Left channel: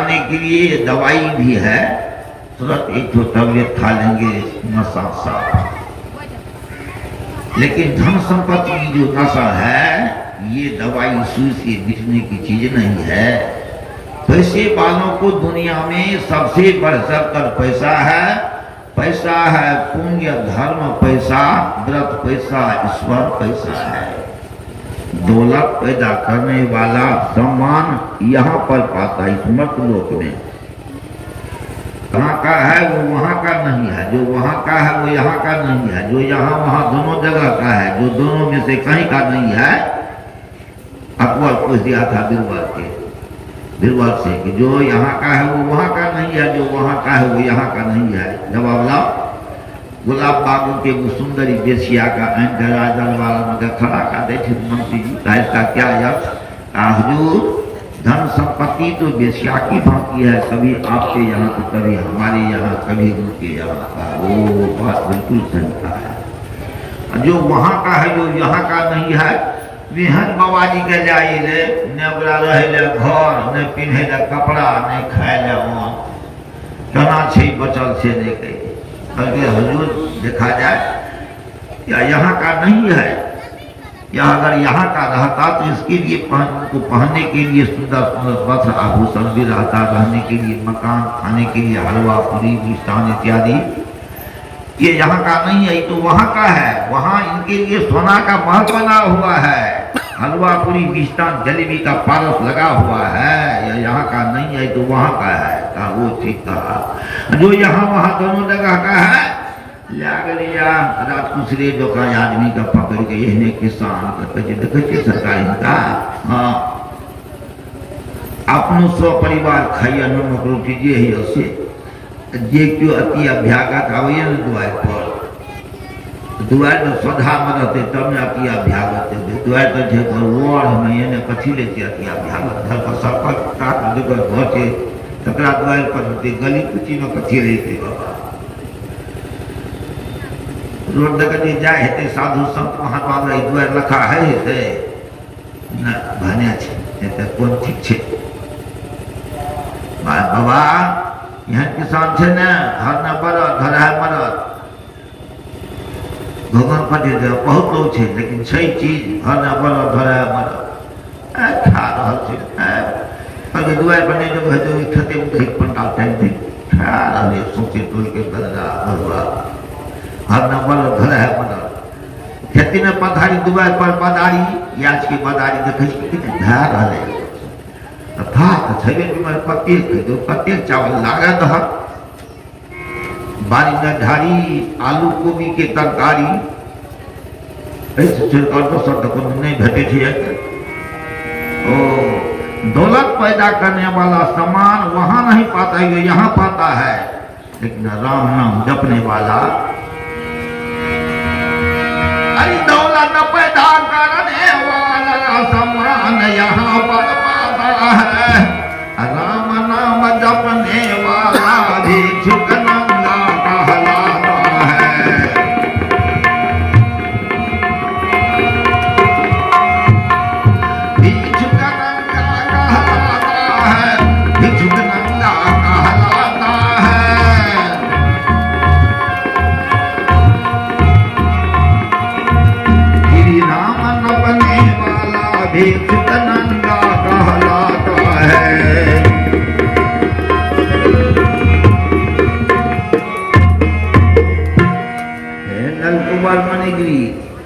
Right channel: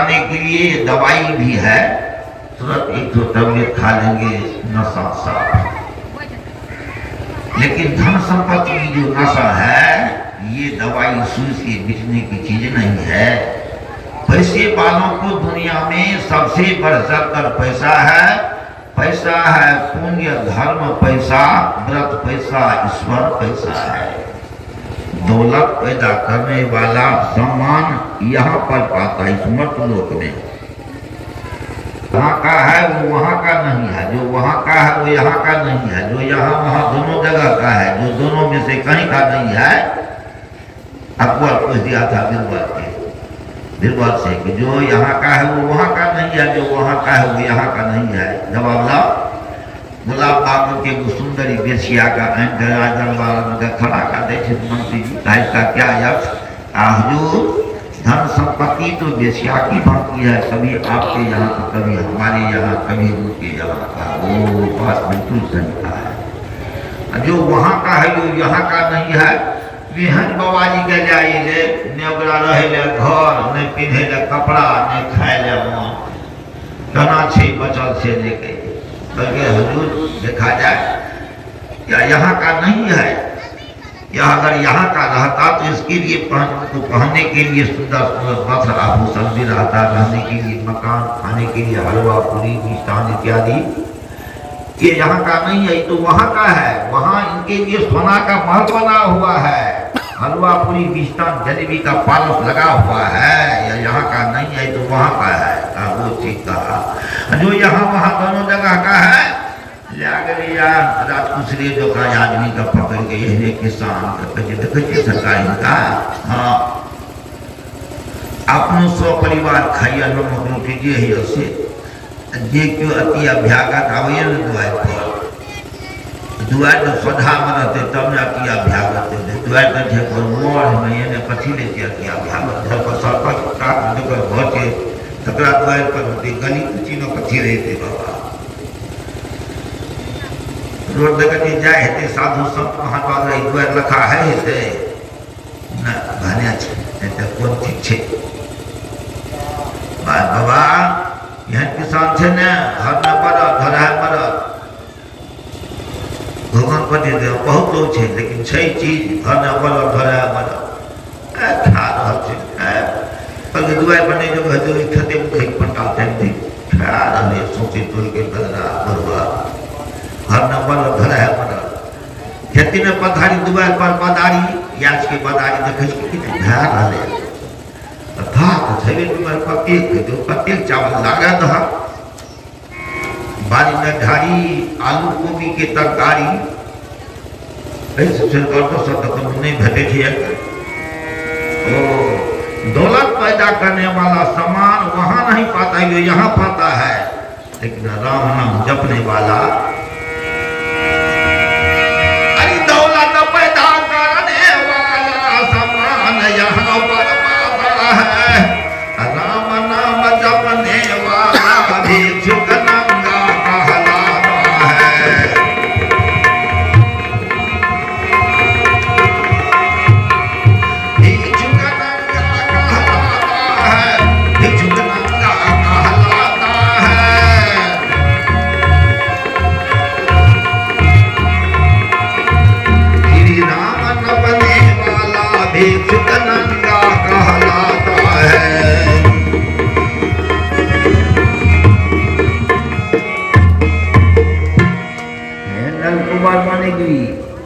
करने के लिए दवाई भी है, तुरंत एक तो टैबलेट खा लेंगे नशा साफ। लेकिन धन संपत्ति की जो नशा है ये दवाई सुई से बिकने की चीज नहीं है। पैसे वालों को दुनिया में सबसे बढ़-चढ़ कर पैसा है। पैसा है पुण्य धर्म पैसा, व्रत पैसा, ईश्वर पैसा है। दौलत पैदा करने वाला सम्मान यहाँ पर पाता है, इस मर्तलोक में। वहाँ का है वो वहाँ का नहीं है, जो वहाँ का है वो यहाँ का नहीं है, जो यहाँ वहाँ दोनों जगह का है, जो दोनों में से कहीं का नहीं है। अकबर पूछ दिया था बीरबल से कि जो यहाँ का है वो वहाँ का नहीं है, जो वहाँ का है वो यहाँ का नहीं है। जवाब लाओ। गुलाब बाबू के वो सुंदरी बेसिया का दरबार खड़ा कर दे मंत्री जी का इसका क्या अर्थ? हुजूर धन संपत्ति तो बेसिया की भांति है, कभी आपके यहाँ तो कभी हमारे यहाँ, कभी उनके यहाँ। वो बात बिल्कुल सही है। जो वहाँ का है वो यहाँ का नहीं है। बिहन बाबा जी के जाइए ने ओकरा रहे ले घर, ने पिन्हे ले कपड़ा, ने खाए ले मान, केना छै बचल से लेके। बल्कि हुजूर देखा जाए या यहाँ का नहीं है, या अगर यहाँ का रहता तो इसके लिए पहनने के लिए सुंदर सुंदर वस्त्र आभूषण भी रहता, रहने के लिए मकान, खाने के लिए हलवा पूरी मिष्ठान इत्यादि। ये यहाँ का नहीं है, तो वहाँ का है। वहाँ इनके लिए सोना का महल बना हुआ है, हलवा पूरी मिष्ठान जलेबी का पारस लगा हुआ है। ये यहाँ का नहीं है तो वहाँ का है। वो ठीक कहा। जो यहाँ वहाँ दोनों जगह का है। दूसरे जो का आदमी का पकड़ के यही किसान देखिए सरकारी का। हाँ अपनो स्व परिवार खाइए नमक रोटी जे ही असे जे क्यों अति अभ्यागत आवे न दुआर तो सदा में रहते तब न अति अभ्यागत दुआर तो जे रोड में ने कथी लेके अति अभ्यागत घर पर सब का दुगर घर के तकरा दुआर पर गली कुची में कथी रहते बाबा रोड देखते जाए हेते साधु संत महात्मा में दुआर लखा है हेते न भने छे ते कोन ठीक छे बाबा यहाँ किसान छे ने घर में बड़ा घर है बड़ा भगवान को दे दे बहुत लोग छे लेकिन छे चीज घर में बड़ा घर है अच्छा है अगर दुआर बने जो है तो खेते में ठीक पंडाते हैं क्या हमें सोचे पूरी के दरा भगवा घर में बड़ा घर है बड़ा खेती में पधारी दुआर पर पधारी याच की पधारी देखो कितने ध्यान आ रहे पत्ती चावल लागा था बारी में ढारी आलू गोभी की तरकारी भेटे थे। दौलत पैदा करने वाला सामान वहां नहीं पाता है, यहाँ पाता है। लेकिन राम नाम जपने वाला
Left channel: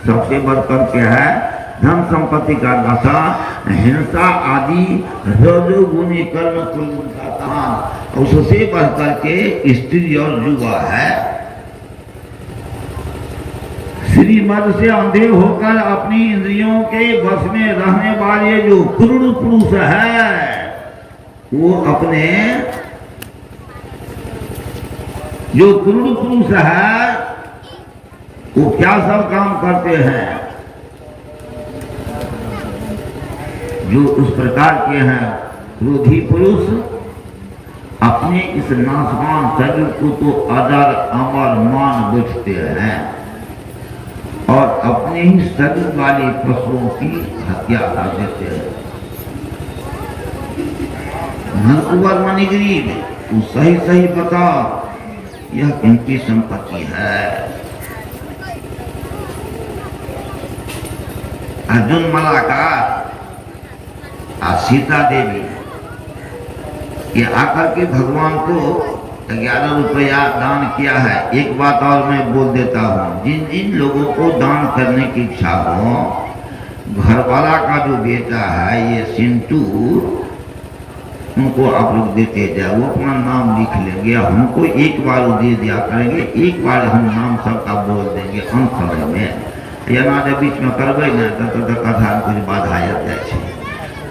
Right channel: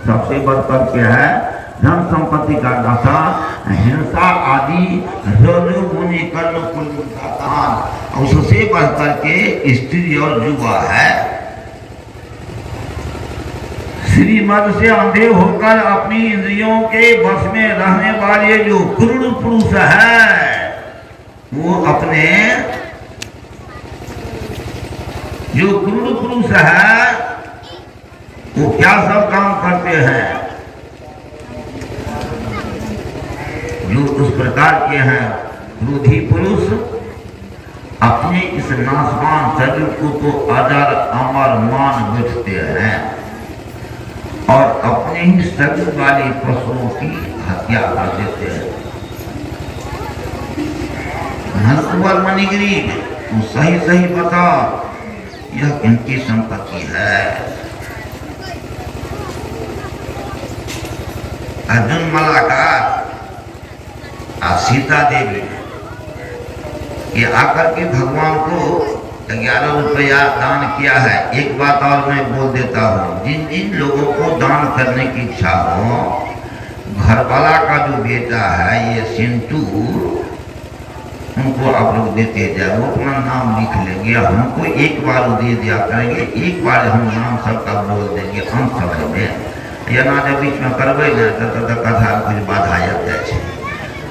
सबसे बढ़कर के है धन संपत्ति का नशा, हिंसा आदि रजोगुणी कर्म कुल उससे बढ़कर के स्त्री और युवा है। श्रीमद से अंधे होकर अपनी इंद्रियों के वश में रहने वाले जो क्रूर पुरुष है वो अपने जो क्रूर पुरुष है वो क्या सब काम करते हैं जो उस प्रकार के हैं क्रोधी पुरुष अपने इस नाशवान शरीर को तो अदर अमर मान बैठते हैं और अपने ही शरीर वाले पशुओं की हत्या कर देते हैं। धनकुंवर मणिगिरी तू सही सही बता, यह किनकी संपत्ति है? अर्जुन मलाकार सीता देवी ये आकर के भगवान को 11 रुपया दान किया है। एक बात और मैं बोल देता हूँ, जिन जिन लोगों को दान करने की इच्छा हो, घरवाला का जो बेटा है ये सिंटू, उनको आप लोग देते जाए, वो अपना नाम लिख लेंगे। हमको एक बार दे दिया करेंगे, एक बार हम नाम सबका बोल देंगे, हम समझ में या ना जब बीच में करवे ना तो कथा कुछ बाधा आ जाए।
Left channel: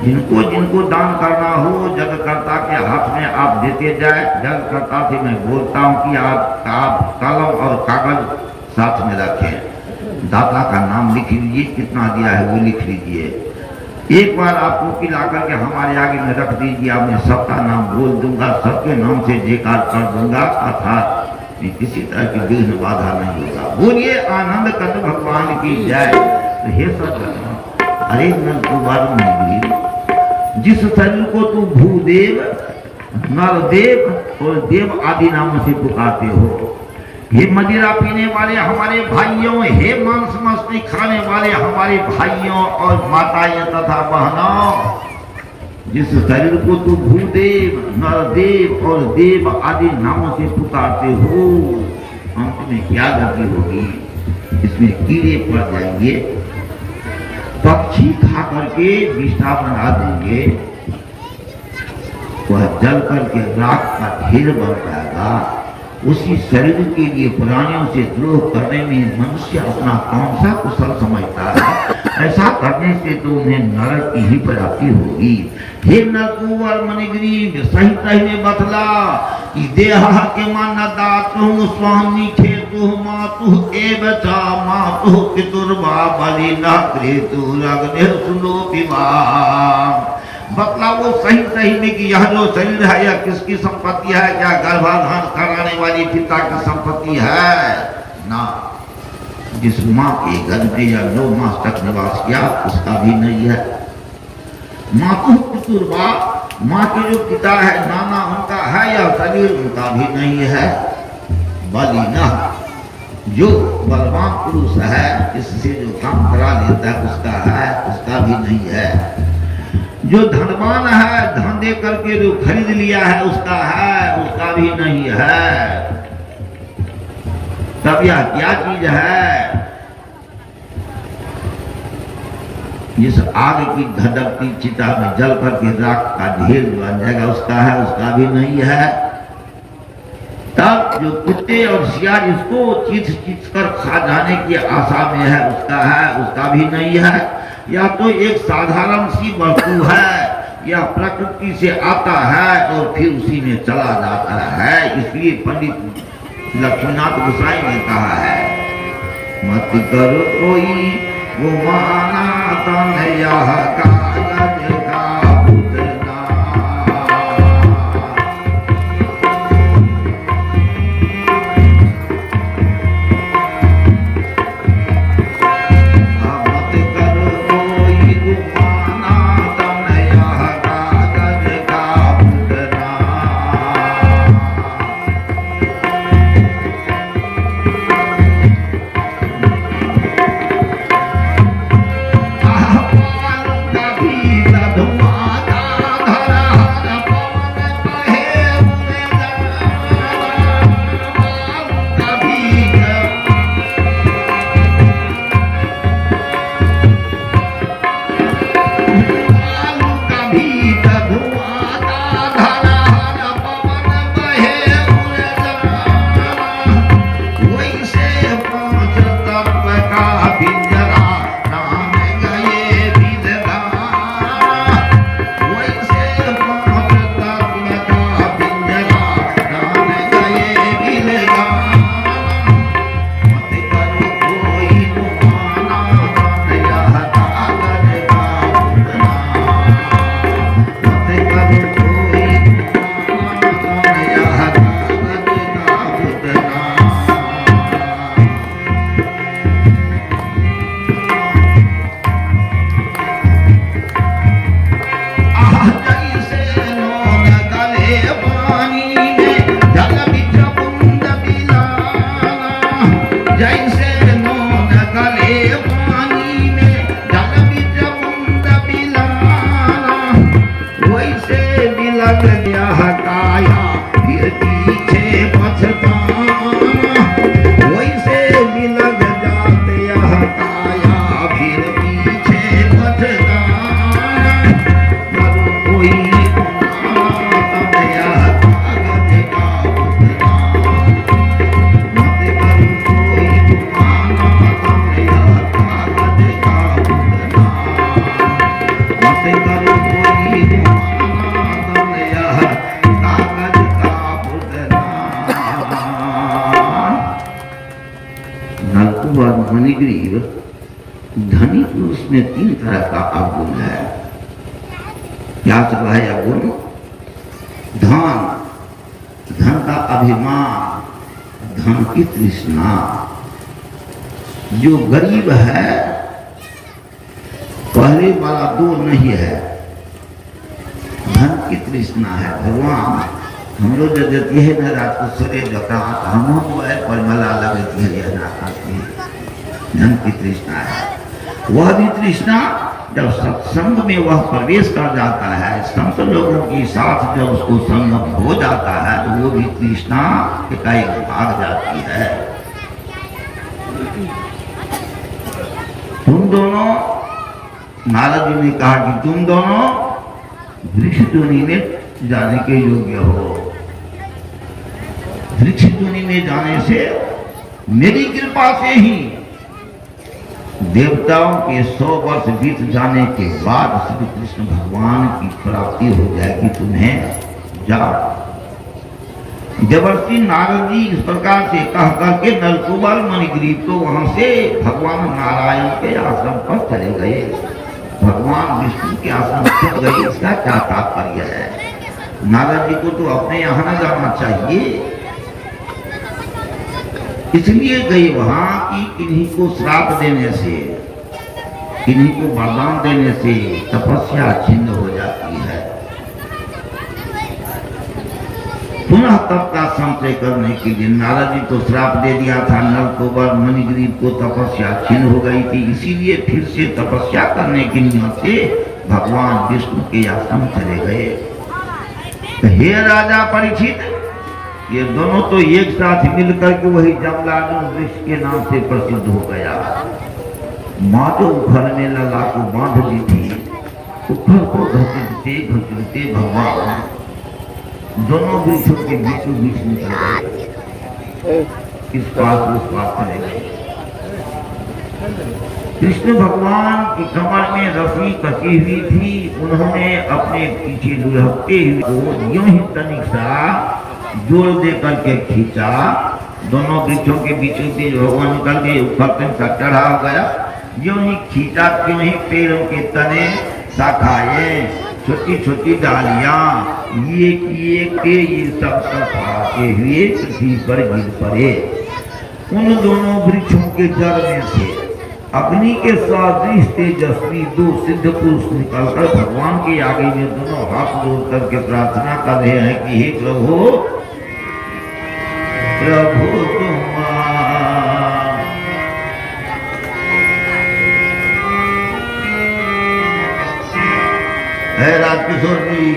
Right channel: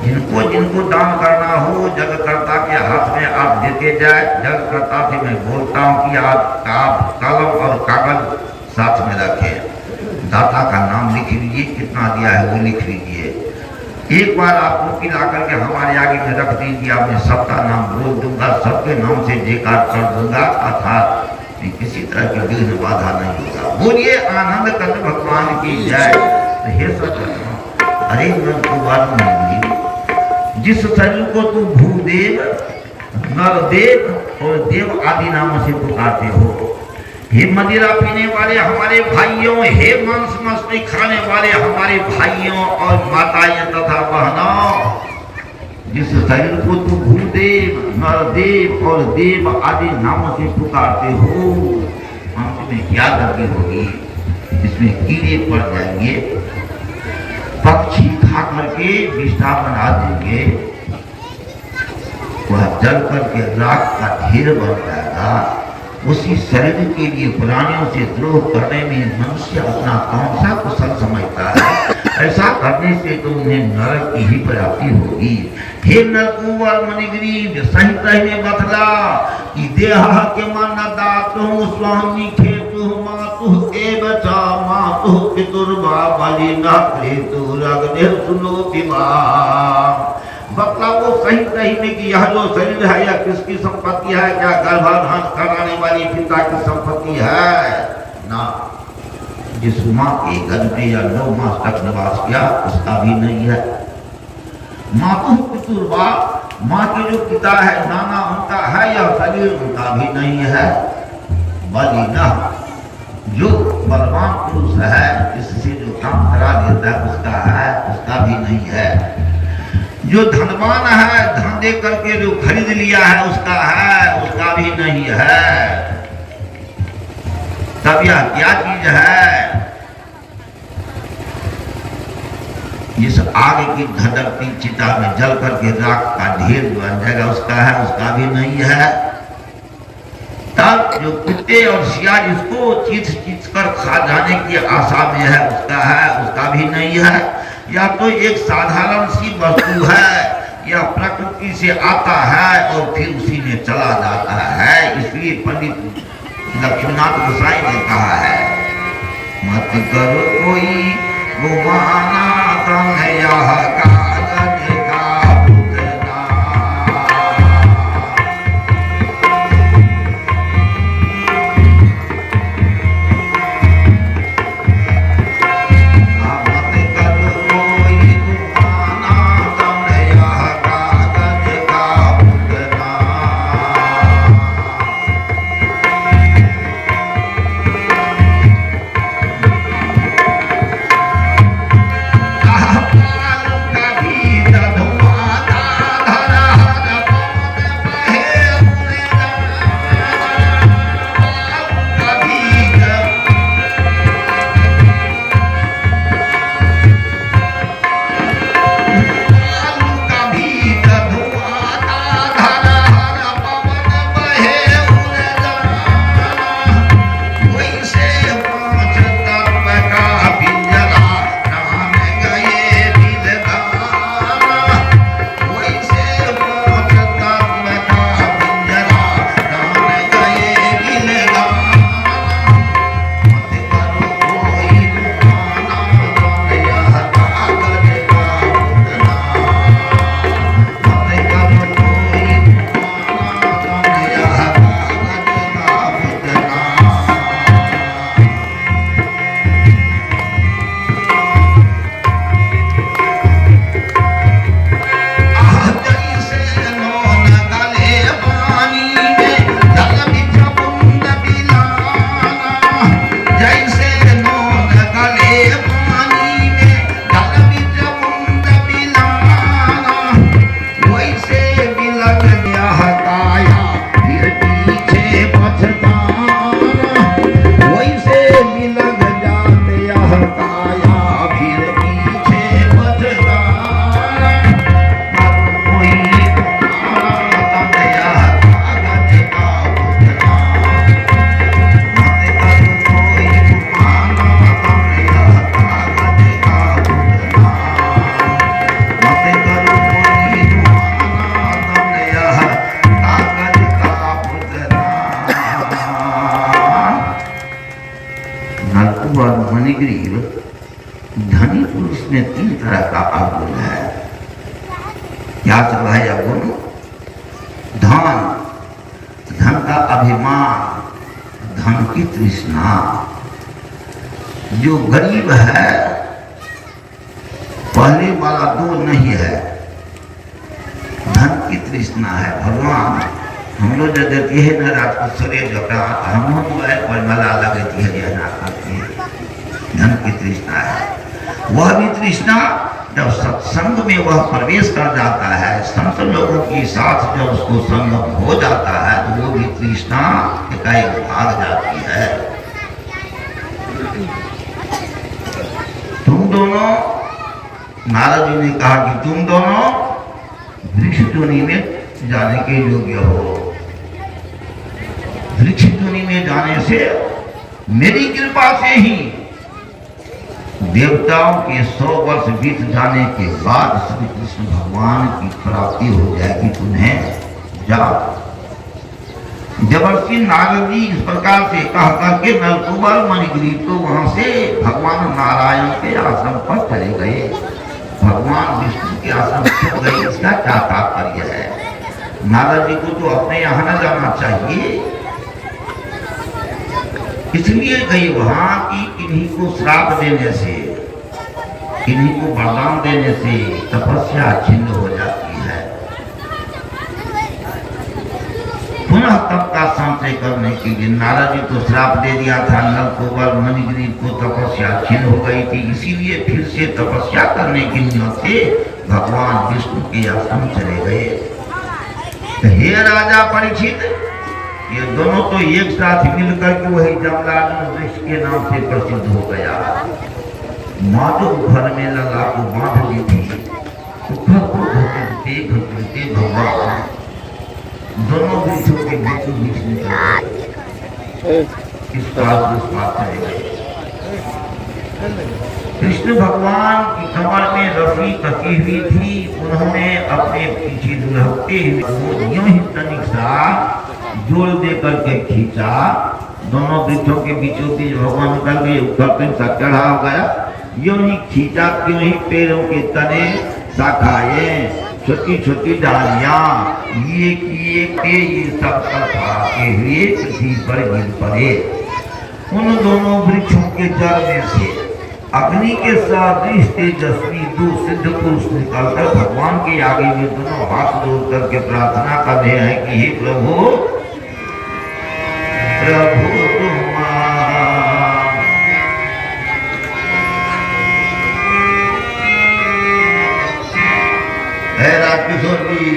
जिनको जिनको दान करना हो जगकर्ता के हाथ में आप देते जाए। जगकर्ता से मैं बोलता हूँ कि आप कलम और कागज साथ में रखें, दाता का नाम लिख लीजिए, कितना दिया है वो लिख लीजिए। एक बार आप मुक्ति ला करके हमारे आगे में रख दीजिए, मैं सबका नाम बोल दूंगा, सबके नाम से जयकार कर दूंगा, अर्थात किसी तरह की विघ्न बाधा नहीं होगा। बोलिए आनंद कंद भगवान की जय। हे सत्य, अरे नंदकुमार मणिगिरी, जिस शरीर को तू भूदेव, नरदेव और देव आदि नामों से पुकारते हो, हे मदिरा पीने वाले हमारे भाइयों, हे मांस मछली खाने वाले हमारे भाइयों और माताएं तथा बहनों, जिस शरीर को तू भूदेव, नरदेव और देव आदि नामों से पुकारते हो, हमने क्या गलती होगी? इसमें कीड़े पड़ जाएंगे, पक्षी खा करके विष्ठा बना देंगे, वह जल करके राख का ढेर बन जाएगा। उसी शरीर के लिए प्राणियों से द्रोह करने में मनुष्य अपना कौन सा कुशल समझता है? ऐसा करने से तो उन्हें नरक की ही प्राप्ति होगी। हे नरकुंवर मणिगिरी, सही सही में बतला कि देह के मन दातु स्वामी खेतु मातु एवचा मातु पितुर्वा बलि न क्रेतु रगने सुनो विवाह। बतलाओ सही सही में कि यह जो शरीर है यह किसकी संपत्ति है? क्या गर्भाधान कराने वाली पिता की संपत्ति है? ना, जिस माँ के गर्भ में या 9 मास तक निवास किया उसका भी नहीं है। मातु पितुर्वा, माँ के जो पिता है नाना उनका है, यह शरीर उनका भी नहीं है। बलि न, जो बलवान पुरुष है इससे जो काम करा लेता है उसका है, उसका भी नहीं है। जो धनवान है धन दे करके जो खरीद लिया है उसका है, उसका भी नहीं है। तब यह क्या चीज है? जिस आग की धधकती चिता में जल करके राख का ढेर बन जाएगा उसका है, उसका भी नहीं है। तब जो कुत्ते और सियार इसको चीच चीच कर खा जाने की आशा में है उसका है, उसका भी नहीं है। या तो एक साधारण सी वस्तु है, या प्रकृति से आता है और फिर उसी में चला जाता है। इसलिए पंडित लक्ष्मीनाथ गोसाई ने कहा है, मत करो कोई गुमाना तुम यह कागज का भुगना। मत करो कोई गुमाना तुम यह कागज का भुगना। धनी पुरुष में 3 तरह का अवगुण है। क्या सब है अवगुण? धन, धन का अभिमान, धन की तृष्णा। जो गरीब है, पहले वाला 2 नहीं है, धन की तृष्णा है। भगवान हम लोग जो देते हैं ना रात को सरे जका हम पर मला लगती है धन की तृष्णा है। वह भी तृष्णा जब सत्संग में वह प्रवेश कर जाता है, संत लोगों के साथ जब उसको संगम हो जाता है तो वो भी तृष्णा एकाएक भाग जाती है। तुम दोनों, नारद जी ने कहा कि तुम दोनों वृक्ष टोनी में जाने के योग्य हो। वृक्ष टोनी में जाने से मेरी कृपा से ही देवताओं के 100 वर्ष बीत जाने के बाद श्री कृष्ण भगवान की प्राप्ति हो जाएगी। तुम्हें जाओ। जबरदस्ती नारद जी इस प्रकार से कह करके नलकुबर मणिग्रीव तो वहां से भगवान नारायण के आश्रम पर चले गए। भगवान विष्णु के आश्रम पर गए। इसका क्या तात्पर्य है? नारद जी को तो अपने यहाँ न जाना चाहिए, इसलिए गई वहां कि किन्हीं को श्राप देने से, किन्हीं को वरदान देने से तपस्या छिन्न हो जाती है। पुनः तप का संचय करने के लिए नारद जी को श्राप दे दिया था। नलकुबर मणिग्रीव को तपस्या छिन्न हो गई थी, इसीलिए फिर से तपस्या करने के नियम से भगवान विष्णु के आश्रम चले गए। तो हे राजा परीक्षित, ये दोनों तो एक साथ मिलकर के वही जमलार्जुन वृक्ष के नाम से प्रसिद्ध हो गया। माधव घर में लला को बांध दी थी, ऊपर को घसीटते घसीटते भगवान दोनों वृक्षों के बीचों बीच निकल गए। इस पास उस पास चले गए। कृष्ण भगवान की कमर में रस्सी कसी हुई थी। उन्होंने अपने पीछे दुलहते हुए यूं ही तनिक सा जोड़ दे करके खींचा। दोनों वृक्षों के बीचों बीच भगवान निकल गए। ऊपर पे सा चढ़ा हो गया। यूं ही खींचा, क्यों ही पेड़ों के तने शाखाएं, छोटी छोटी डालियां ये सब आते हुए पृथ्वी पर गिर पड़े। उन दोनों वृक्षों के जड़ में से अग्नि के सदृश तेजस्वी 2 सिद्ध पुरुष निकलकर भगवान के आगे में दोनों हाथ जोड़ करके प्रार्थना कर रहे हैं कि हे प्रभु, प्रभु है राजकिशोर जी।